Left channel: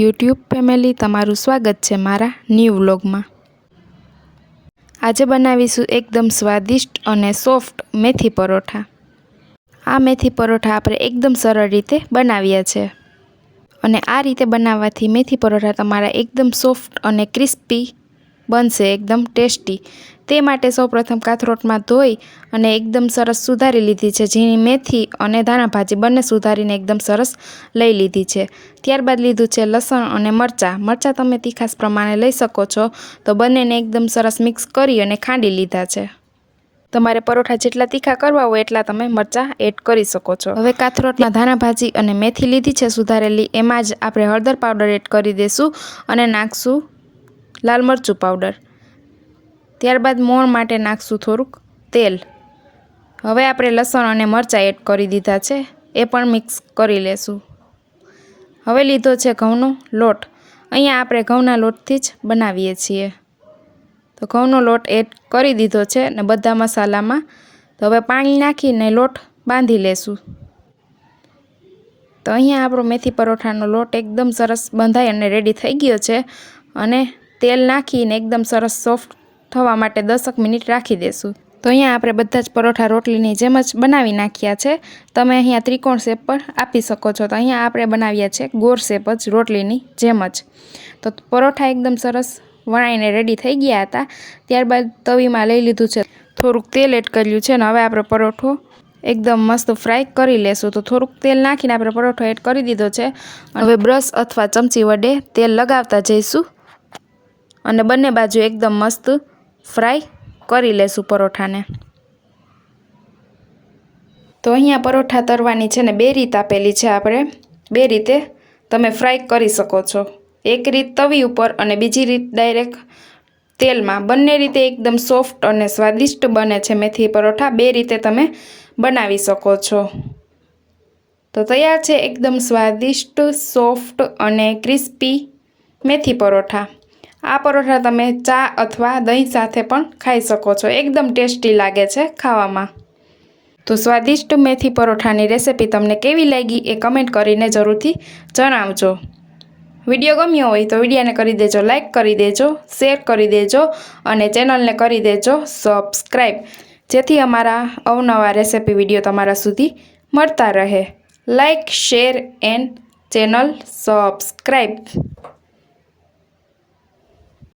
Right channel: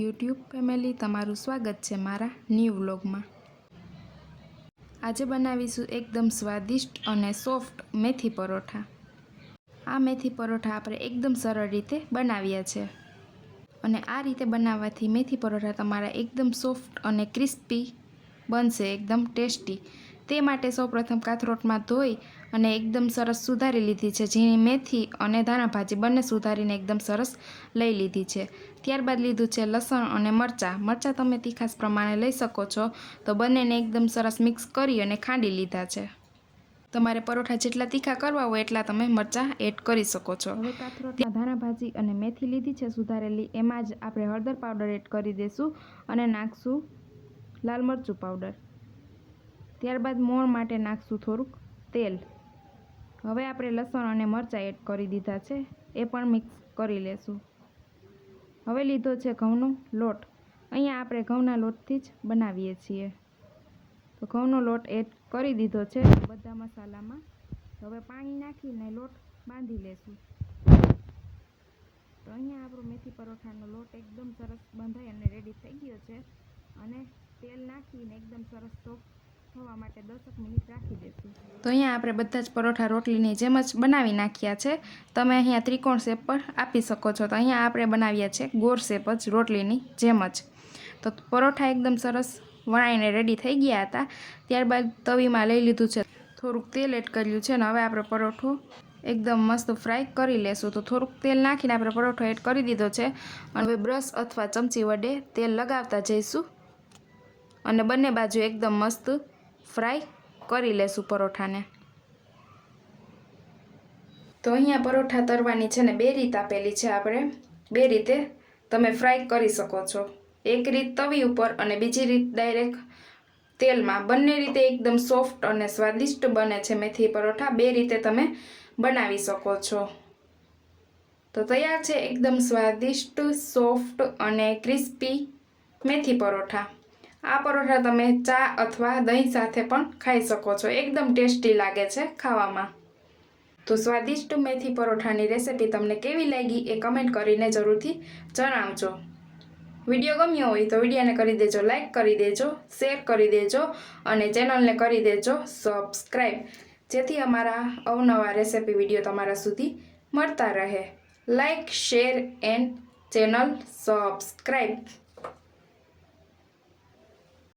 YouTube family, તમારું સ્વાગત છે મારા ન્યૂ વ્લોગમાં. આજે બનાવીશું એકદમ સ્વાદિષ્ટ અને સોફ્ટ મેથી પરોઠા. આ મેથી પરોઠા આપણે એકદમ સરળ રીતે બનાવ્યા છે. અને આ રીતે બનાવવાથી મેથી પરોઠા તમારા એકદમ સોફ્ટ અને ક્રિસ્પી બનશે, એકદમ ટેસ્ટી. તે માટે સૌપ્રથમ કાથરોટમાં ધોઈ અને એકદમ સરસ સુધારી લીધી છે. ઝીણી મેથી અને ધાણા ભાજી બંને સુધારીને એકદમ સરસ લઈ લીધી છે. ત્યારબાદ લીધું છે લસણ અને મરચાં. મરચાં તમે તીખાસ પ્રમાણે લઈ શકો છો. તો બંનેને એકદમ સરસ મિક્સ કરી અને ખાંડી લીધા છે. તમારે પરોઠા જેટલા તીખા કરવા હોય એટલા તમે મરચાં એડ કરી શકો છો. હવે કાથરોટમાં ધાણા ભાજી અને મેથી લીધી છે સુધારેલી. એમાં જ આપણે હળદર પાવડર એડ કરી દઈશું અને નાખશું લાલ મરચું પાવડર. ત્યારબાદ મોણ માટે નાખશું થોડુંક તેલ. હવે આપણે લસણ અને મરચાં એડ કરી દીધા છે. એ પણ મિક્સ કરી લેશું. હવે લીધો છે ઘઉંનો લોટ. અહીંયા આપણે ઘઉંના લોટથી જ બનાવીએ છીએ. તો ઘઉંનો લોટ એડ કરી દીધો છે અને બધા મસાલામાં તો હવે પાણી નાખીને લોટ બાંધી લેશું. તો અહીંયા આપણો મેથી પરોઠાનો લોટ એકદમ સરસ બંધાઈ અને રેડી થઈ ગયો છે અને તેલ નાખીને એકદમ સરસ સોફ્ટ થવા માટે દસક મિનિટ રાખી દેશું. તો અહીંયા આપણે બધા જ પરોઠા રોટલીની જેમ જ બનાવી નાખ્યા છે. તમે અહીંયા ત્રિકોણ શેપ પર આપી શકો છો. તો અહીંયા આપણે બનાવ્યા છે ગોળ શેપ જ રોટલીની જેમ જ. તો પરોઠા એકદમ સરસ વણાઈને રેડી થઈ ગયા હતા. ત્યારબાદ તવીમાં લઈ લીધું છે. થોડુંક તેલ એડ કર્યું છે ને હવે આપણે પરોઠો એકદમ મસ્ત ફ્રાય કરી લેશું. તો થોડુંક તેલ નાખીને આપણે પરોઠો એડ કરી દીધો છે. હવે બ્રશ અથવા ચમચી વડે તેલ લગાવતા જઈશું. અને બંને બાજુ એકદમ મસ્ત ફ્રાય કરી લેશું પરોઠાને. તો અહીંયા પરોઠા તરવાની છે ને બે રીત આપેલી છે આપણે. બે રીતે તમે ફ્રાય કરી શકો છો. એક રીત તવી ઉપર અને બીજી રીત ડાયરેક્ટ તેલમાં. બંને રીતે એકદમ સોફ્ટ અને સ્વાદિષ્ટ બને છે મેથી પરોઠા. બે રીતે તમે બનાવી શકો છો. તો તૈયાર છે એકદમ સ્વાદિષ્ટ, સોફ્ટ અને ક્રિસ્પી મેથી પરોઠા. આ પરોઠા તમે ચા અથવા દહીં સાથે પણ ખાઈ શકો છો. એકદમ ટેસ્ટી લાગે છે ખાવામાં. તો સ્વાદિષ્ટ મેથી પરોઠાની રેસિપી તમને કેવી લાગી એ કમેન્ટ કરીને જરૂરથી જણાવજો. વીડિયો ગમ્યો હોય તો વિડીયોને કરી દેજો લાઇક કરી દેજો, શેર કરી દેજો અને ચેનલને કરી દેજો સબસ્ક્રાઈબ. જેથી અમારા અવનવા રેસિપી વીડિયો તમારા સુધી મળતા રહે. Like share and channel subscribe.